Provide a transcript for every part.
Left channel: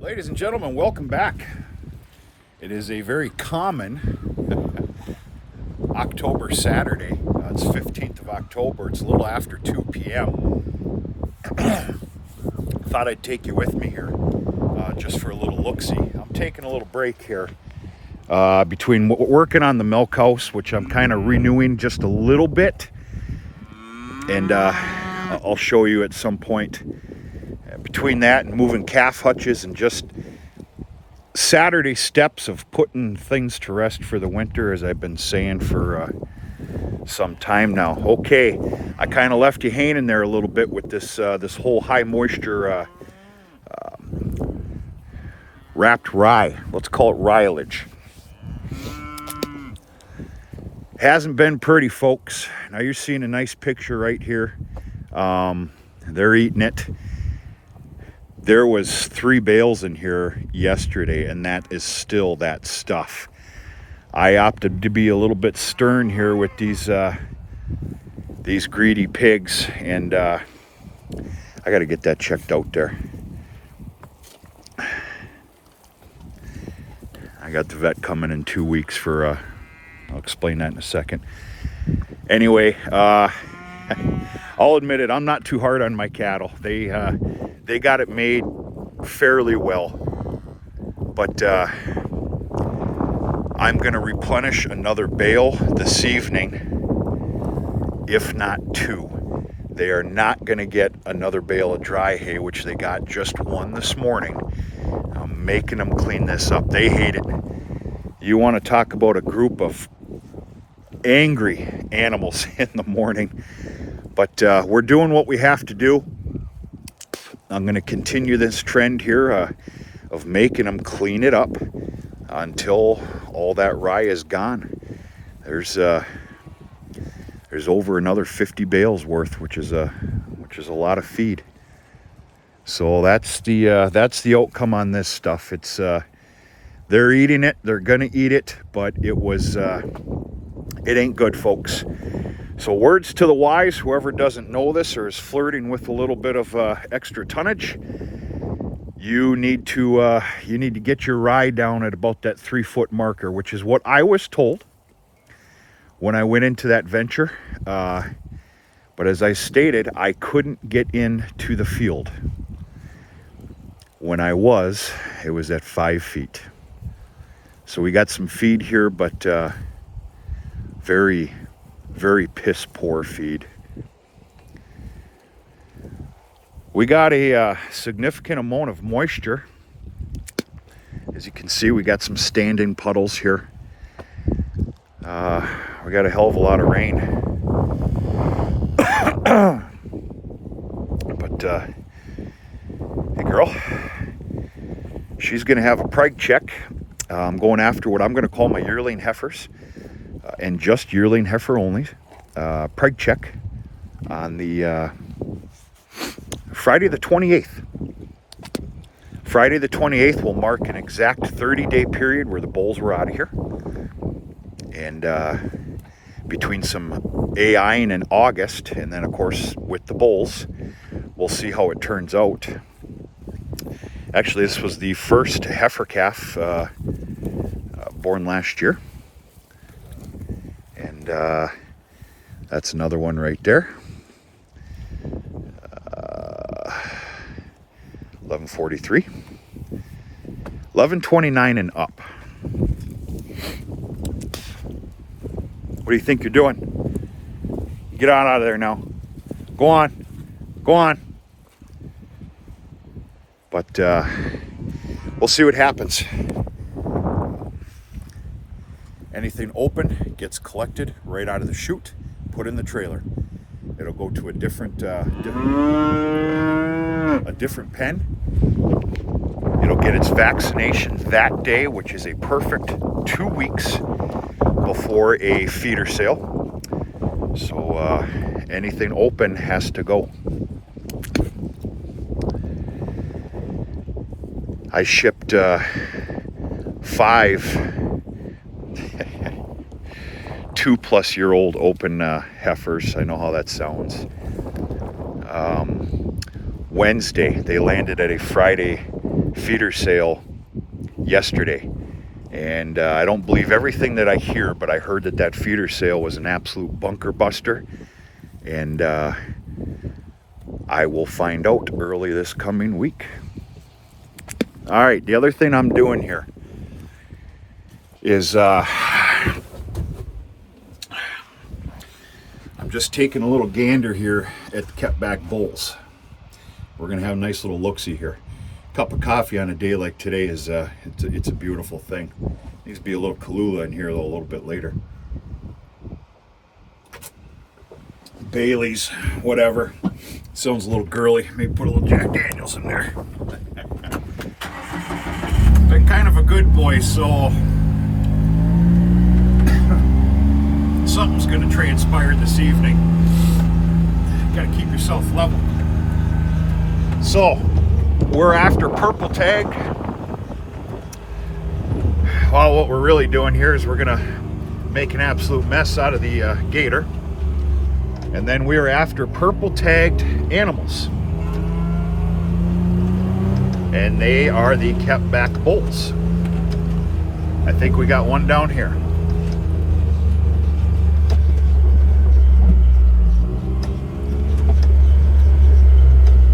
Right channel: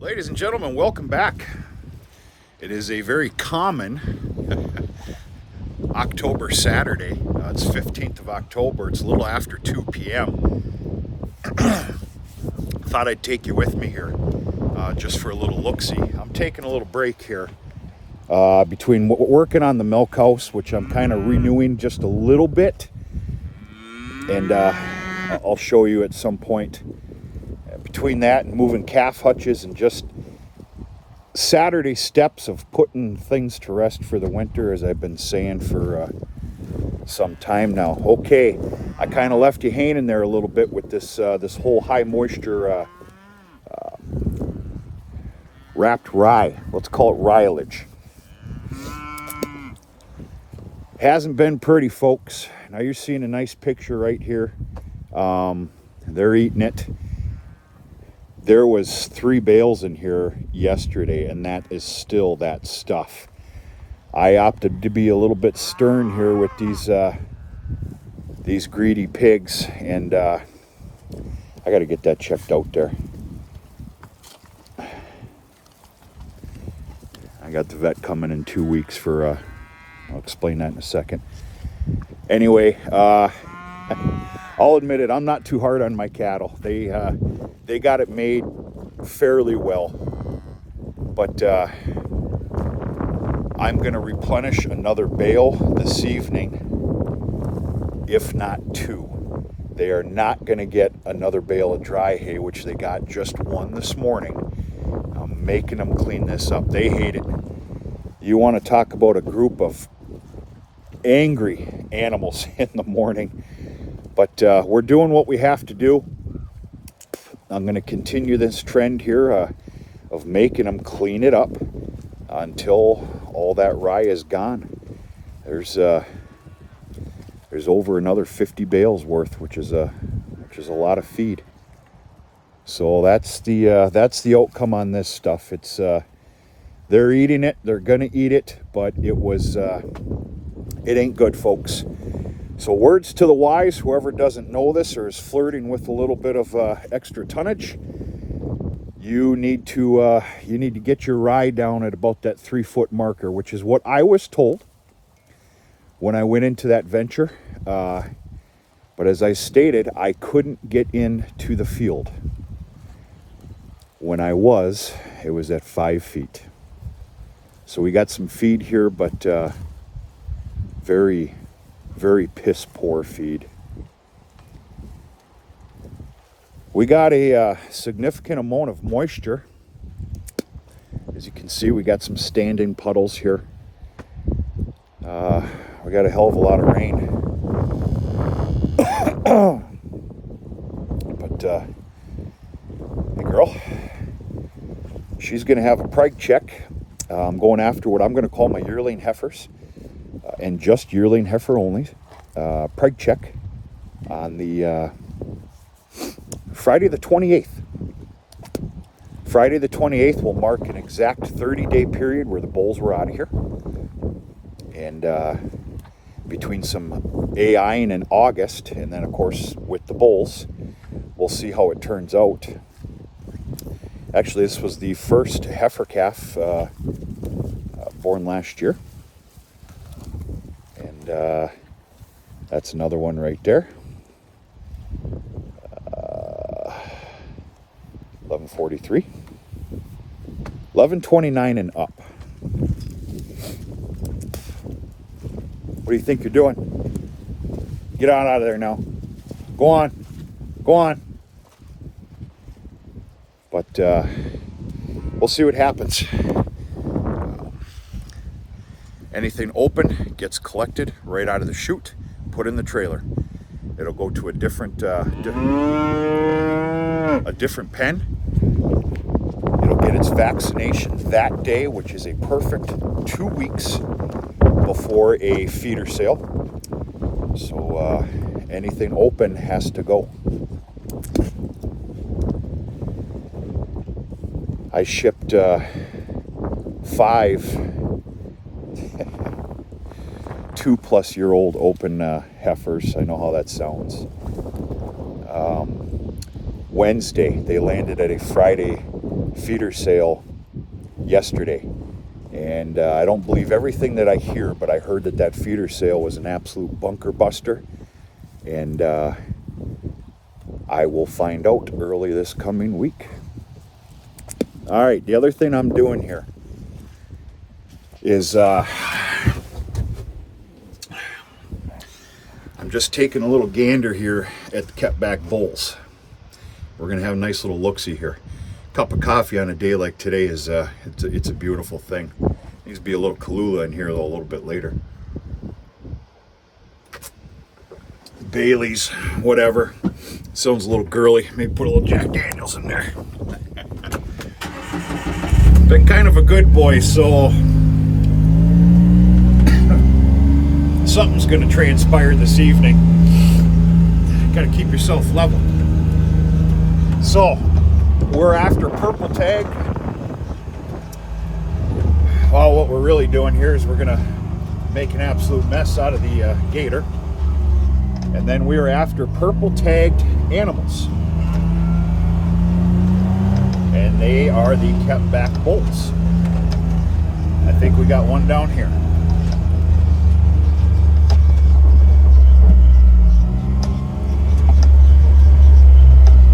Ladies and gentlemen, welcome back. It is a very common October Saturday. It's 15th of October. It's a little after 2 p.m. Thought I'd take you with me here just for a little look-see. I'm taking a little break here between working on the milk house, which I'm kind of renewing just a little bit, and I'll show you at some point. Between that and moving calf hutches and just Saturday steps of putting things to rest for the winter, as I've been saying for some time now. Okay, I kind of left you hanging there a little bit with this whole high moisture wrapped rye. Let's call it ryeage. Hasn't been pretty, folks. Now you're seeing a nice picture right here. They're eating it. There was 3 bales in here yesterday, and that is still that stuff. I opted to be a little bit stern here with these greedy pigs, and I got to get that checked out there. I got the vet coming in 2 weeks for, I'll explain that in a second. Anyway, I'll admit it, I'm not too hard on my cattle. They got it made fairly well, but I'm going to replenish another bale this evening, if not 2. They are not going to get another bale of dry hay, which they got just 1 this morning. I'm making them clean this up. They hate it. You want to talk about a group of angry animals in the morning, but we're doing what we have to do. I'm going to continue this trend here of making them clean it up until all that rye is gone. There's over another 50 bales worth, which is a lot of feed. So that's the outcome on this stuff. It's they're eating it. They're gonna eat it, but it ain't good, folks. So words to the wise, whoever doesn't know this or is flirting with a little bit of extra tonnage, you need to get your rye down at about that 3-foot marker, which is what I was told when I went into that venture. But as I stated, I couldn't get into the field. When it was at 5 feet. So we got some feed here, but very piss poor feed. We got a significant amount of moisture. As you can see, we got some standing puddles here. We got a hell of a lot of rain. But hey girl, she's gonna have a preg check. I'm going after what I'm gonna call my yearling heifers. And just yearling heifer only, preg check on the Friday the 28th. Friday the 28th will mark an exact 30-day period where the bulls were out of here. And between some AIing in August, and then of course with the bulls, we'll see how it turns out. Actually, this was the first heifer calf born last year. And that's another one right there. 1143. 1129 and up. What do you think you're doing? Get on out of there now. Go on. Go on. But we'll see what happens. Anything open gets collected right out of the chute, put in the trailer. It'll go to a different pen. It'll get its vaccination that day, which is a perfect 2 weeks before a feeder sale. So anything open has to go. I shipped 5 2-plus-year-old open heifers. I know how that sounds. Wednesday, they landed at a Friday feeder sale yesterday. And I don't believe everything that I hear, but I heard that that feeder sale was an absolute bunker buster. And I will find out early this coming week. All right, the other thing I'm doing here is I'm just taking a little gander here at the kept back bulls. We're gonna have a nice little look-see here. Cup of coffee on a day like today is it's a beautiful thing. Needs to be a little Kahlua in here though a little bit later. Bailey's, whatever. Sounds a little girly. Maybe put a little Jack Daniels in there. Been kind of a good boy, so something's going to transpire this evening. Got to keep yourself level. So, we're after purple tag. Well, what we're really doing here is we're going to make an absolute mess out of the gator. And then we're after purple tagged animals. And they are the kept back bulls. I think we got one down here.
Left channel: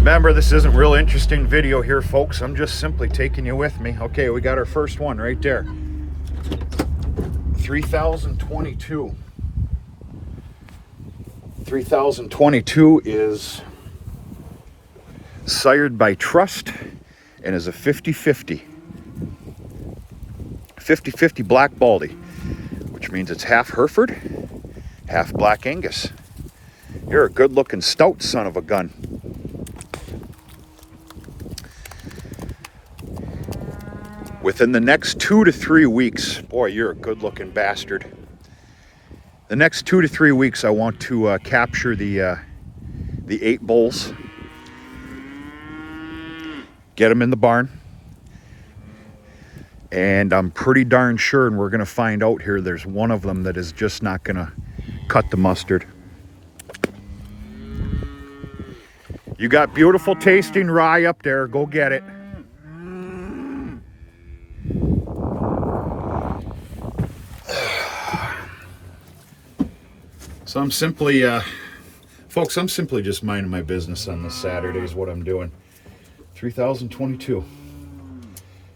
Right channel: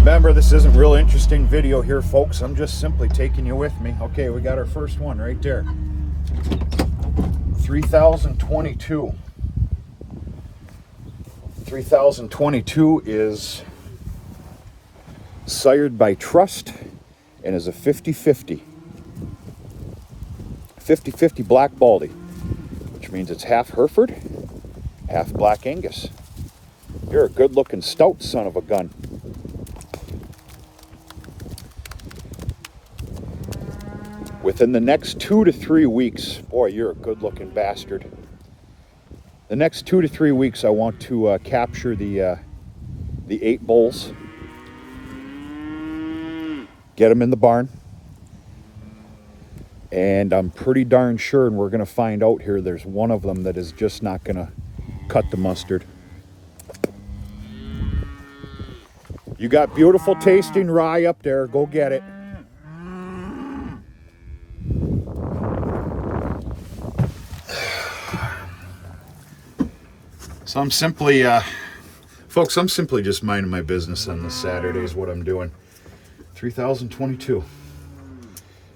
Remember, this isn't real interesting video here, folks. I'm just simply taking you with me. Okay, we got our first one right there. 3022. 3022 is sired by Trust and is a 50-50. 50-50 Black Baldy, which means it's half Hereford, half Black Angus. You're a good-looking stout son of a gun. Within the next 2 to 3 weeks, boy, you're a good-looking bastard. The next 2 to 3 weeks, I want to capture the 8 bulls, get them in the barn, and I'm pretty darn sure, and we're going to find out here, there's one of them that is just not going to cut the mustard. You got beautiful tasting rye up there. Go get it. So I'm simply, folks, I'm simply just minding my business on this Saturday is what I'm doing. 3022.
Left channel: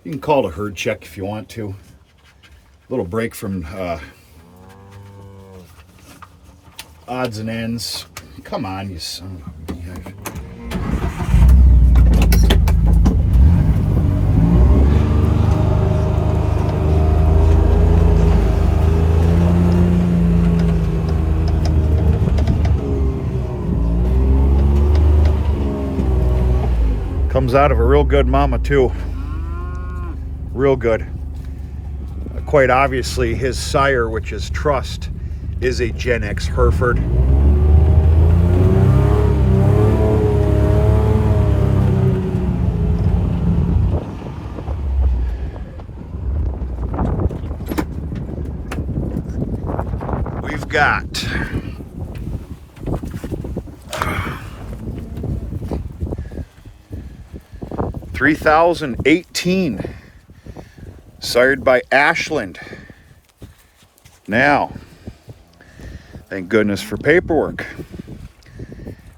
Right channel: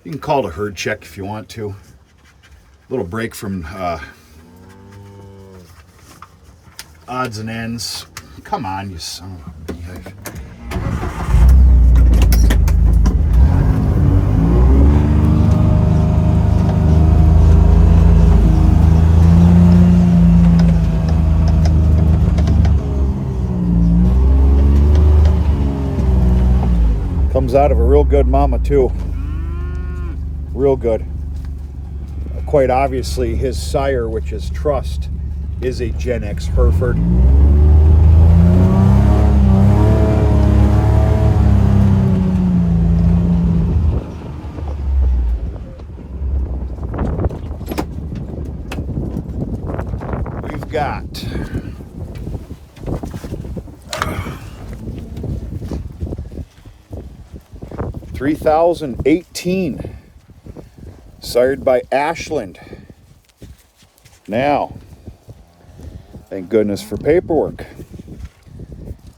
You can call it a herd check if you want to. A little break from odds and ends. Come on, you son of a beehive. Comes out of a real good mama too. Real good. Quite obviously his sire, which is Trust, is a Gen X Hereford. We've got 3018, sired by Ashland. Now, thank goodness for paperwork.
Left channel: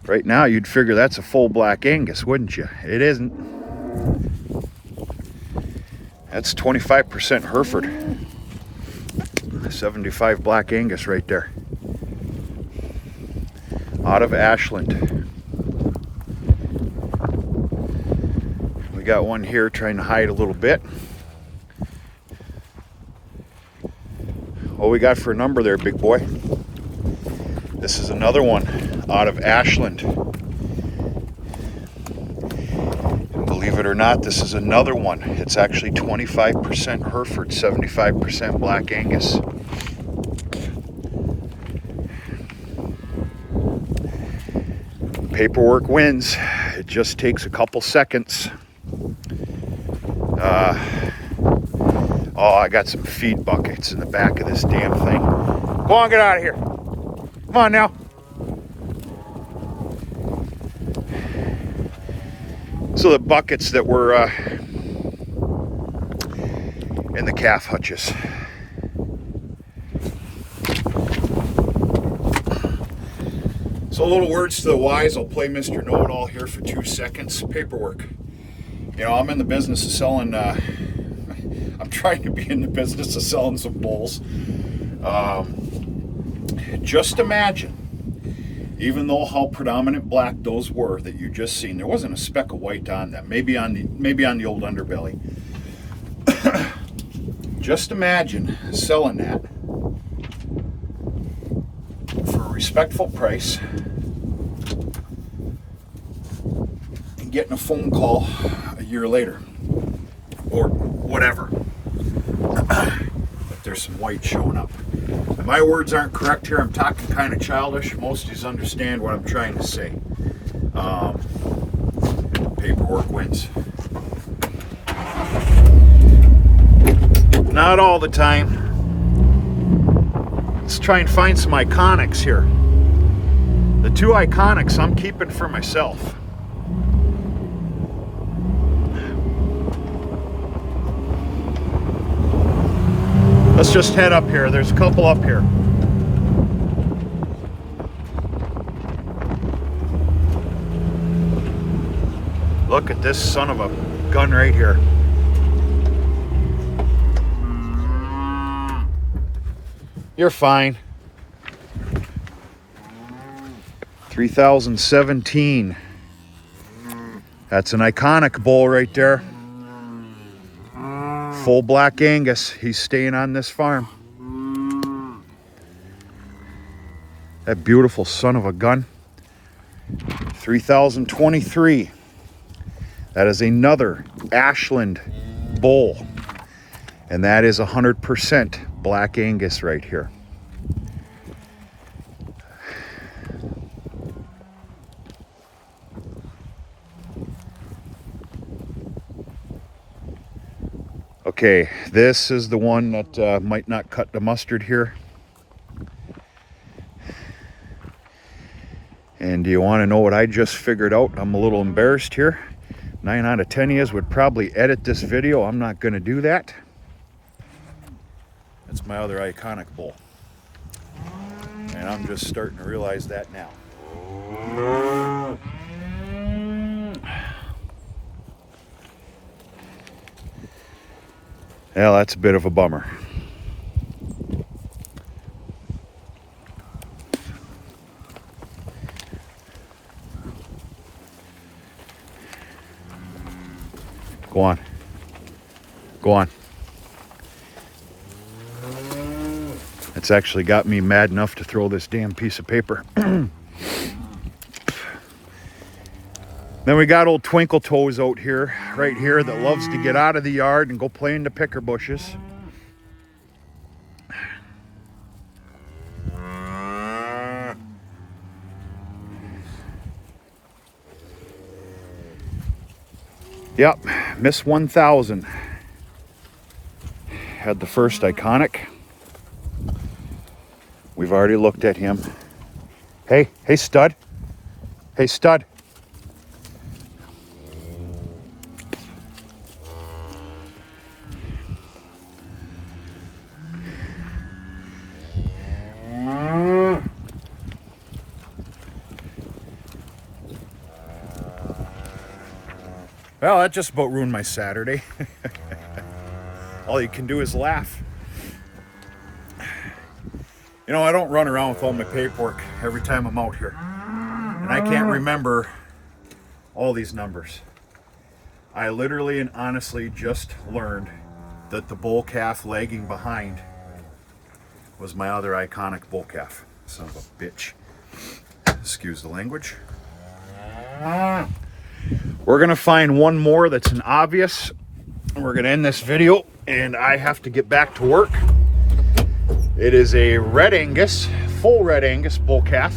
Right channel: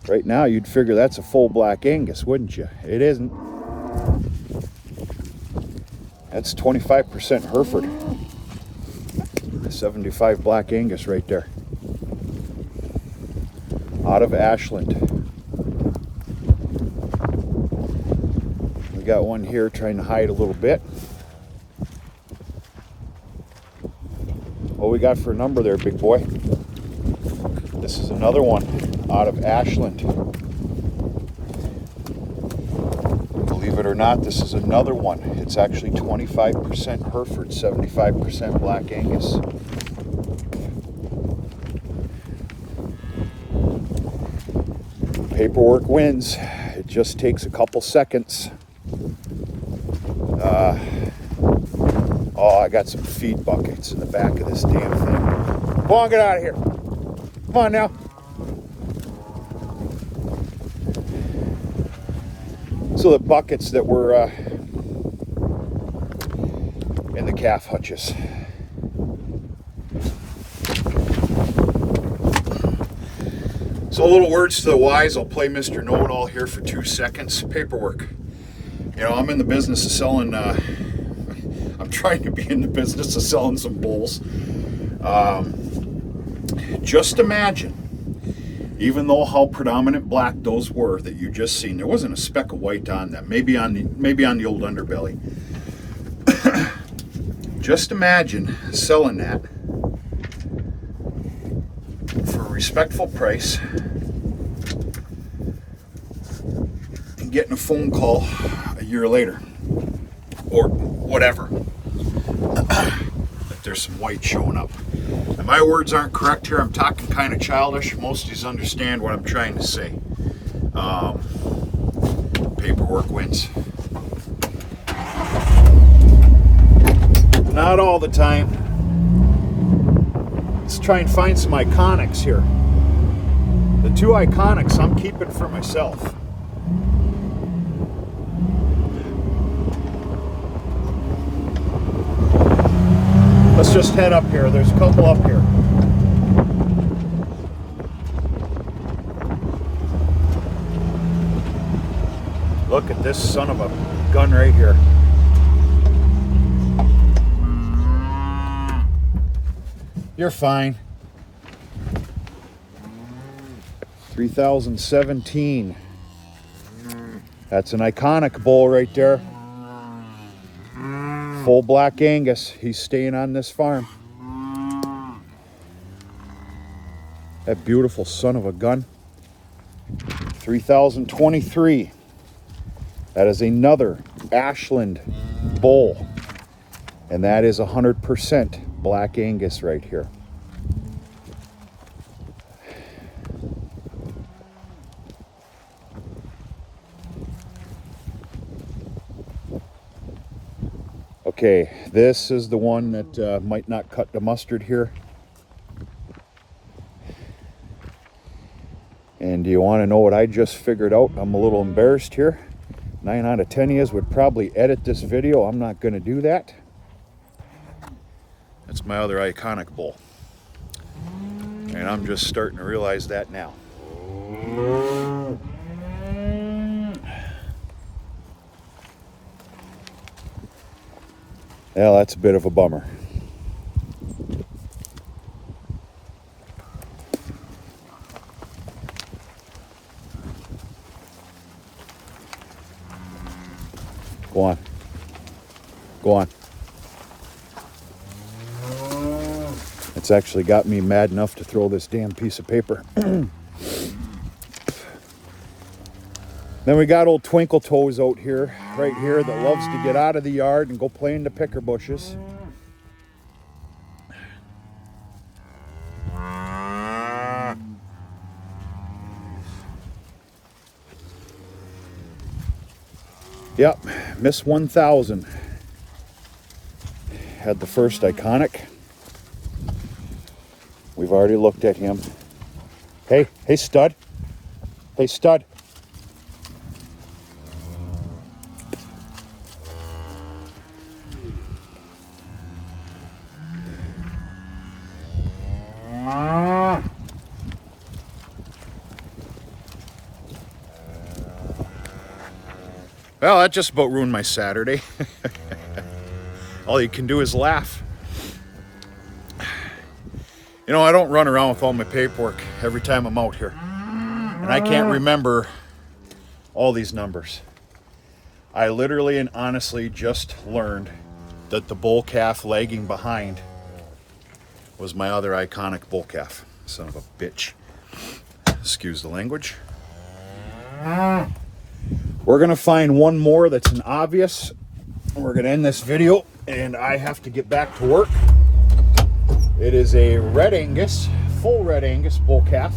Right now, you'd figure that's a full Black Angus, wouldn't you? It isn't. That's 25% Hereford. 75 Black Angus right there. Out of Ashland. We got one here trying to hide a little bit. What we got for a number there, big boy? This is another one out of Ashland. And believe it or not, this is another one. It's actually 25% Hereford, 75% Black Angus. Paperwork wins. It just takes a couple seconds. Oh, I got some feed buckets in the back of this damn thing. Go on, get out of here. Come on now. So the buckets that were in the calf hutches. So little words to the wise. I'll play Mr. Know-It-All here for 2 seconds. Paperwork. You know, I'm in the business of selling, I'm trying to be in the business of selling some bulls. Just imagine, even though how predominant black those were that you just seen, there wasn't a speck of white on them, maybe on the old underbelly. Just imagine selling that for a respectful price and getting a phone call a year later or whatever that there's some white showing up. And my words aren't correct here. I'm talking kind of childish. Most of you understand what I'm trying to say. Paperwork wins. Not all the time. Let's try and find some iconics here. The 2 iconics I'm keeping for myself. Let's just head up here. There's a couple up here. Look at this son of a gun right here. You're fine. 3017. That's an iconic bull right there. Full black Angus. He's staying on this farm. That beautiful son of a gun. 3023. That is another Ashland bull. And that is 100% black Angus right here. Okay, this is the one that might not cut the mustard here. And do you want to know what I just figured out? I'm a little embarrassed here. 9 out of 10 of you would probably edit this video. I'm not going to do that. That's my other iconic bull. And I'm just starting to realize that now. Well, that's a bit of a bummer. Go on. Go on. It's actually got me mad enough to throw this damn piece of paper. Then we got old Twinkle Toes out here, right here, that loves to get out of the yard and go play in the picker bushes. Yep, Miss 1000 had the first iconic. We've already looked at him. Hey stud. Hey stud. Well, that just about ruined my Saturday. All you can do is laugh. You know, I don't run around with all my paperwork every time I'm out here. And I can't remember all these numbers. I literally and honestly just learned that the bull calf lagging behind was my other iconic bull calf. Son of a bitch. Excuse the language. We're gonna find one more that's an obvious. We're gonna end this video and I have to get back to work. It is a red Angus, full red Angus bull calf.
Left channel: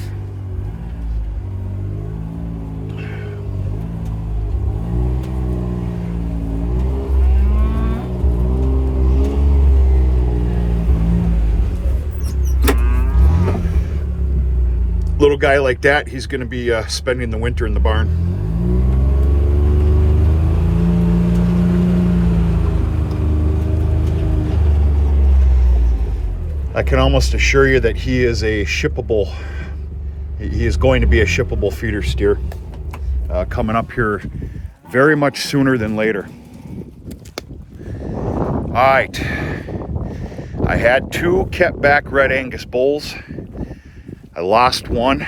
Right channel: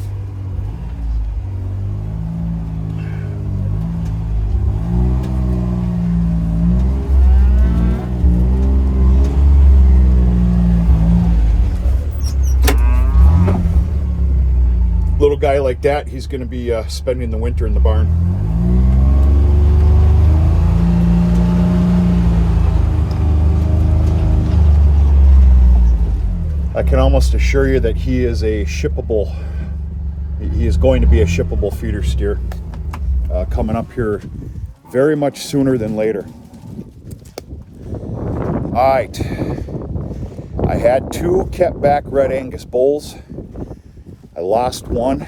Little guy like that, he's gonna be spending the winter in the barn. can almost assure you that he is a shippable, he is going to be a shippable feeder steer coming up here very much sooner than later. All right, I had 2 kept back red Angus bulls. I lost one.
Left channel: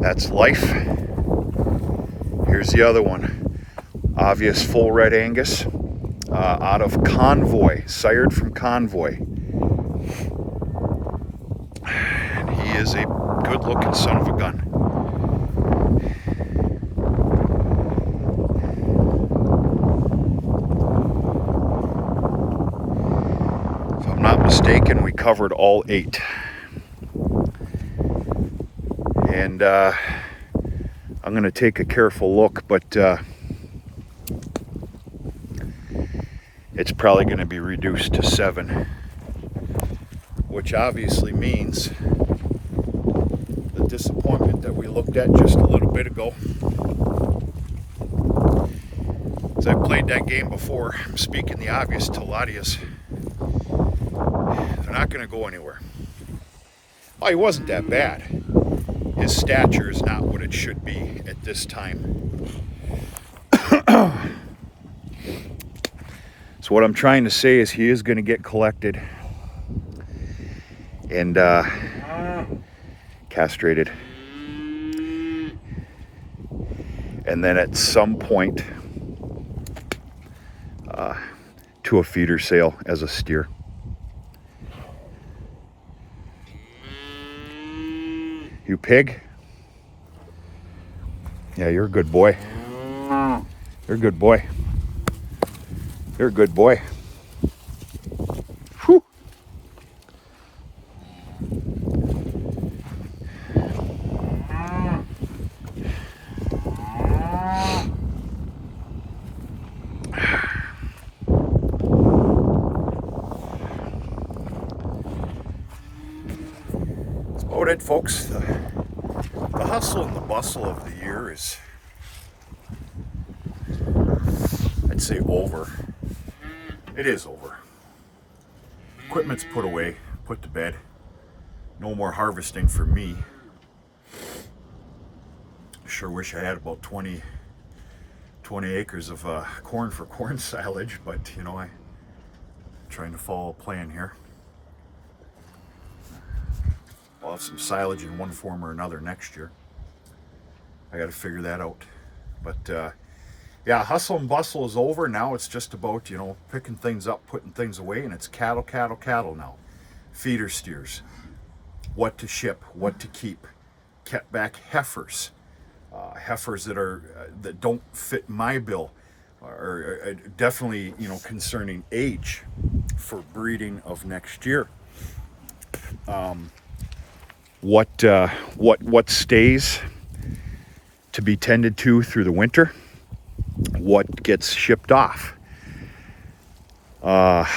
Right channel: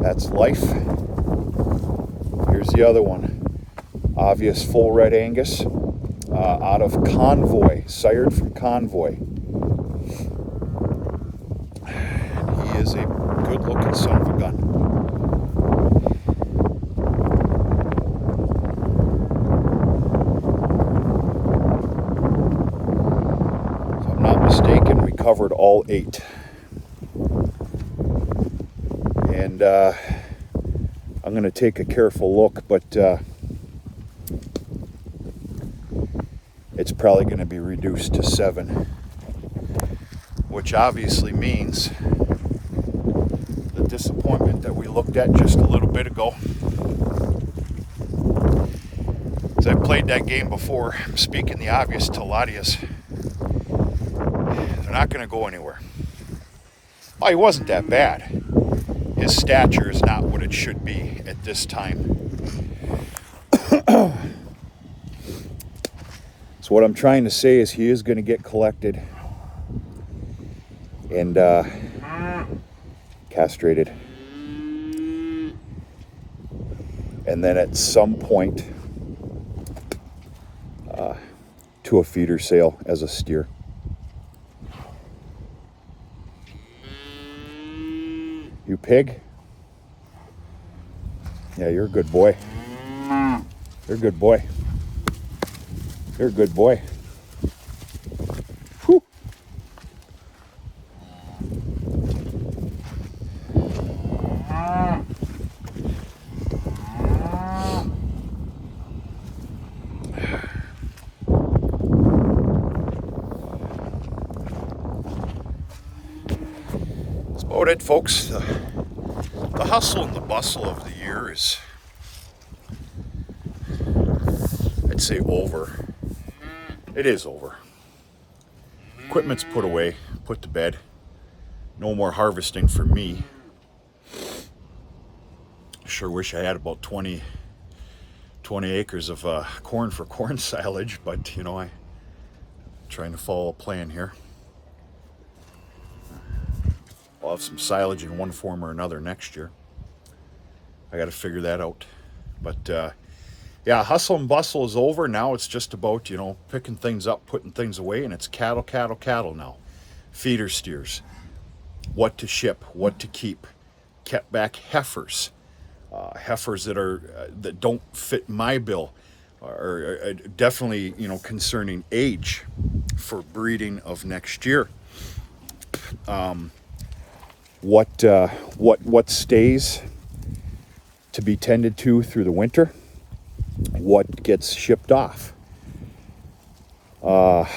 That's life. Here's the other one. Obvious full red Angus out of Convoy, sired from Convoy. He is a good looking son of a gun. If I'm not mistaken, we covered all 8. And I'm going to take a careful look, but it's probably going to be reduced to 7, which obviously means the disappointment that we looked at just a little bit ago. As I played that game before, I'm speaking the obvious to a lot of you. They're not going to go anywhere. Oh, he wasn't that bad. His stature is not what it should be at this time. So what I'm trying to say is he is going to get collected and castrated. And then at some point to a feeder sale as a steer. You pig? Yeah, you're a good boy. You're a good boy. You're a good boy. Whew. That's about it, folks. The hustle and the bustle of the year is, I'd say, over. It is over. Equipment's put away, put to bed. No more harvesting for me. Sure wish I had about 20 acres of corn for corn silage, but you know, I'm trying to follow a plan here. I'll have some silage in one form or another next year. I got to figure that out. But yeah, hustle and bustle is over. Now it's just about, you know, picking things up, putting things away, and it's cattle now. Feeder steers. What to ship, what to keep. Kept back heifers. Heifers that don't fit my bill are definitely, you know, concerning age for breeding of next year. What stays to be tended to through the winter, what gets shipped off. I'm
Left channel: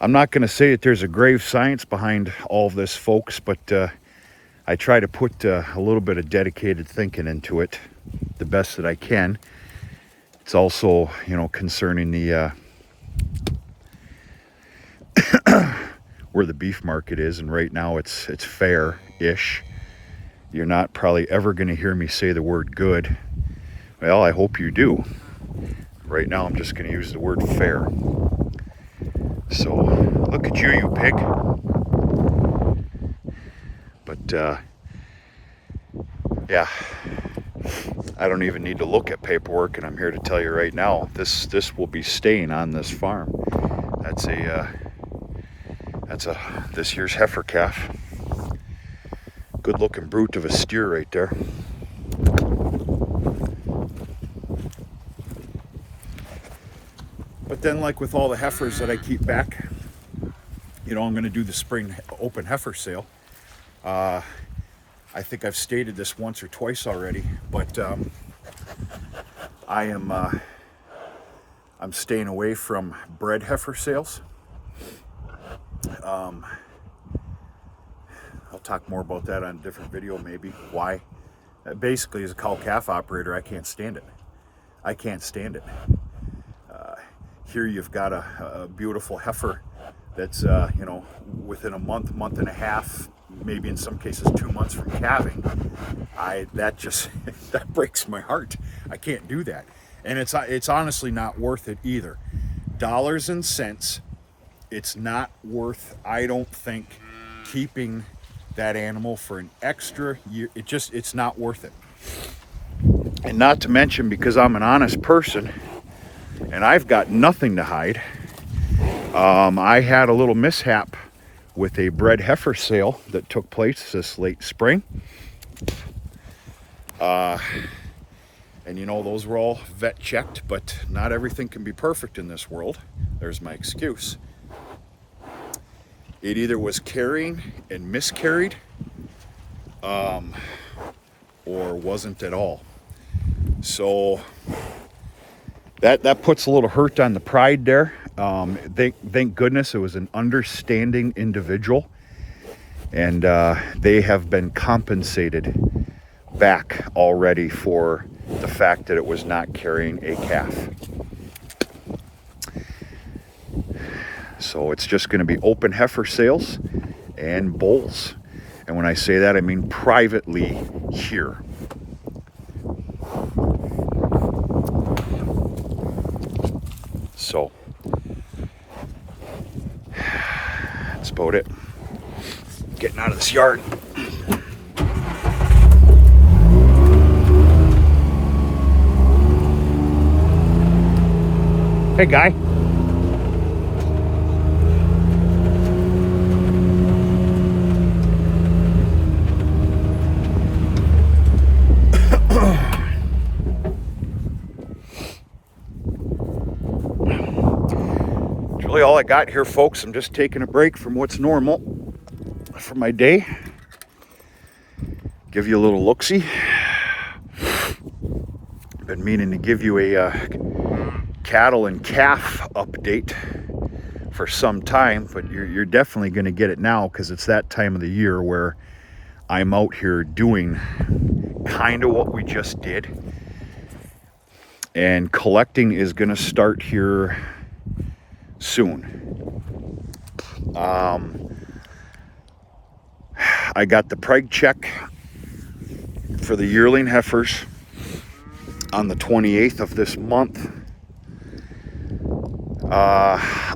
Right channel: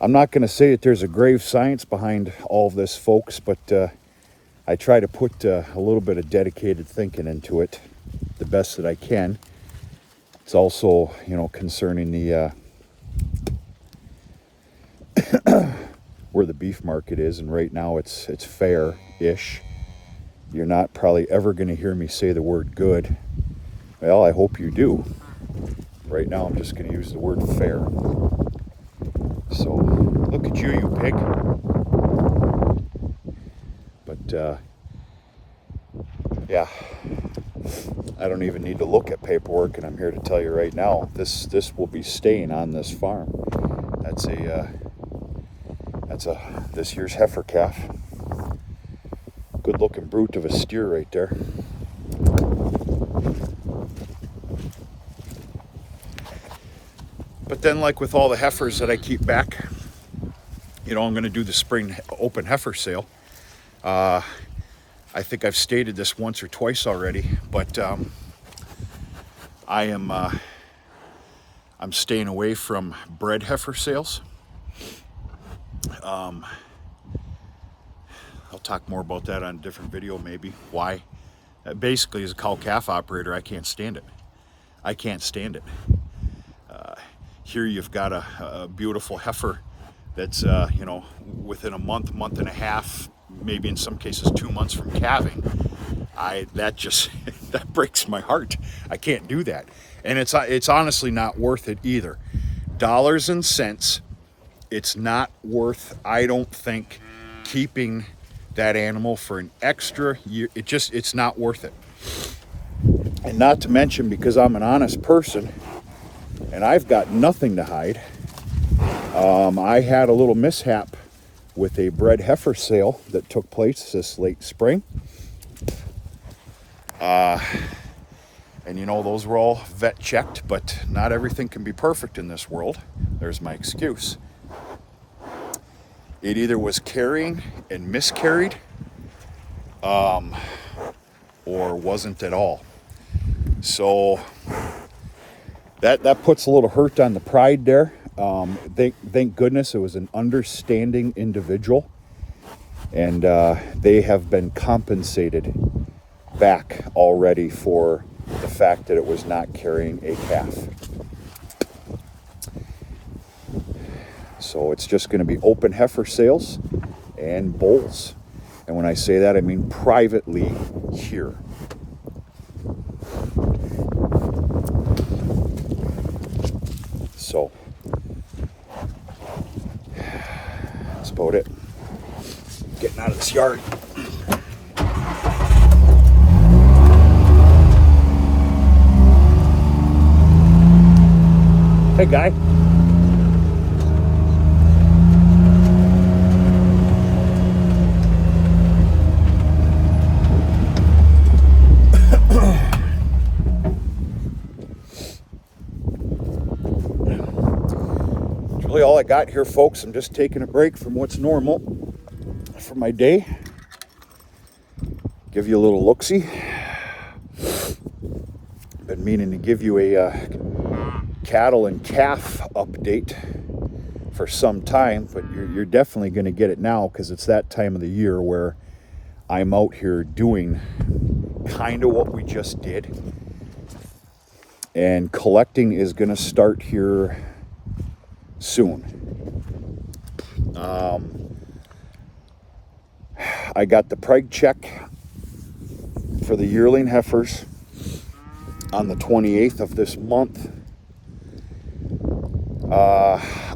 not going to say that there's a grave science behind all of this, folks, but I try to put a little bit of dedicated thinking into it the best that I can. It's also, you know, concerning the where the beef market is, and right now it's fair-ish. You're not probably ever going to hear me say the word good. Well, I hope you do. Right now I'm just going to use the word fair. So, look at you, you pig. But, yeah, I don't even need to look at paperwork, and I'm here to tell you right now, this will be staying on this farm. That's this year's heifer calf. Good looking brute of a steer right there. But then, like with all the heifers that I keep back, you know, I'm going to do the spring open heifer sale. I think I've stated this once or twice already, but I'm staying away from bred heifer sales. I'll talk more about that on a different video, maybe. Why? Basically, as a cow-calf operator, I can't stand it. I can't stand it. Here you've got a beautiful heifer that's you know, within a month, month and a half, maybe in some cases 2 months from calving, that just that breaks my heart. I can't do that, and it's honestly not worth it either. Dollars and cents, it's not worth, I don't think, keeping that animal for an extra year. It's not worth it. And not to mention, because I'm an honest person and I've got nothing to hide, I had a little mishap with a bred heifer sale that took place this late spring. And you know, those were all vet checked, but not everything can be perfect in this world. There's my excuse. It either was carrying and miscarried, or wasn't at all. So that puts a little hurt on the pride there. Thank goodness it was an understanding individual, and they have been compensated back already for the fact that it was not carrying a calf. So it's just going to be open heifer sales and bulls. And when I say that, I mean privately here. So that's about it. Getting out of this yard. Hey, guy. That's really all I got here, folks. I'm just taking a break from what's normal for my day. Give you a little look-see. Been meaning to give you a cattle and calf update for some time, but you're definitely going to get it now, because it's that time of the year where I'm out here doing kind of what we just did, and collecting is going to start here soon. I got the preg check for the yearling heifers on the 28th of this month.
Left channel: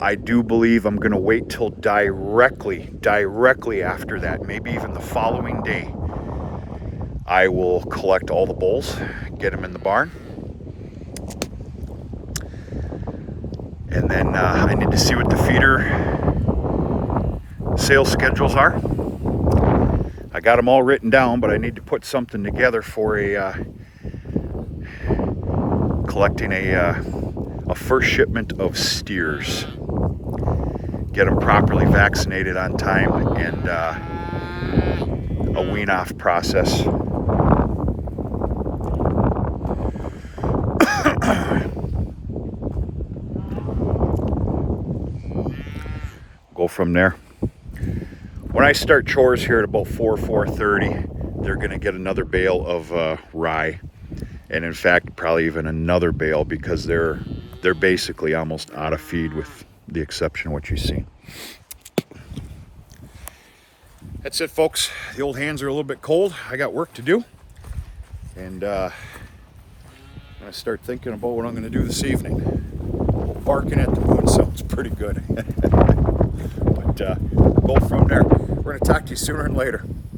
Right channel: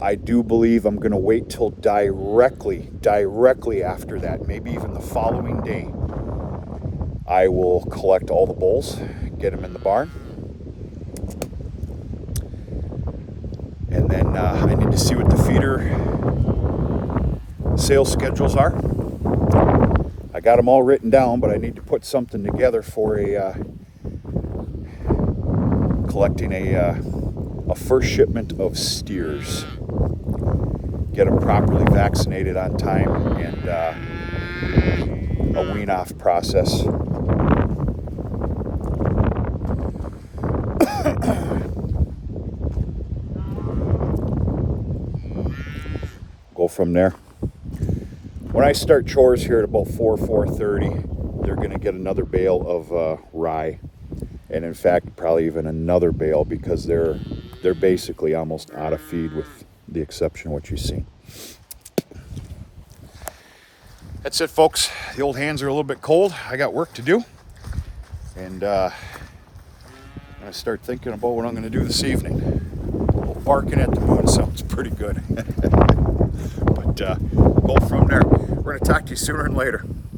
I do believe I'm going to wait till directly after that, maybe even the following day. I will collect all the bulls, get them in the barn, and then I need to see what the feeder sales schedules are. I got them all written down, but I need to put something together for collecting a first shipment of steers. Get them properly vaccinated on time, and a wean-off process. Go from there. When I start chores here at about 4:30, they're going to get another bale of rye, and in fact probably even another bale, because they're basically almost out of feed, with the exception of what you see. That's it, folks. The old hands are a little bit cold. I got work to do, and I'm going to start thinking about what I'm going to do this evening. Barking at the moon sounds pretty good. But go from there. We're going to talk to you sooner and later.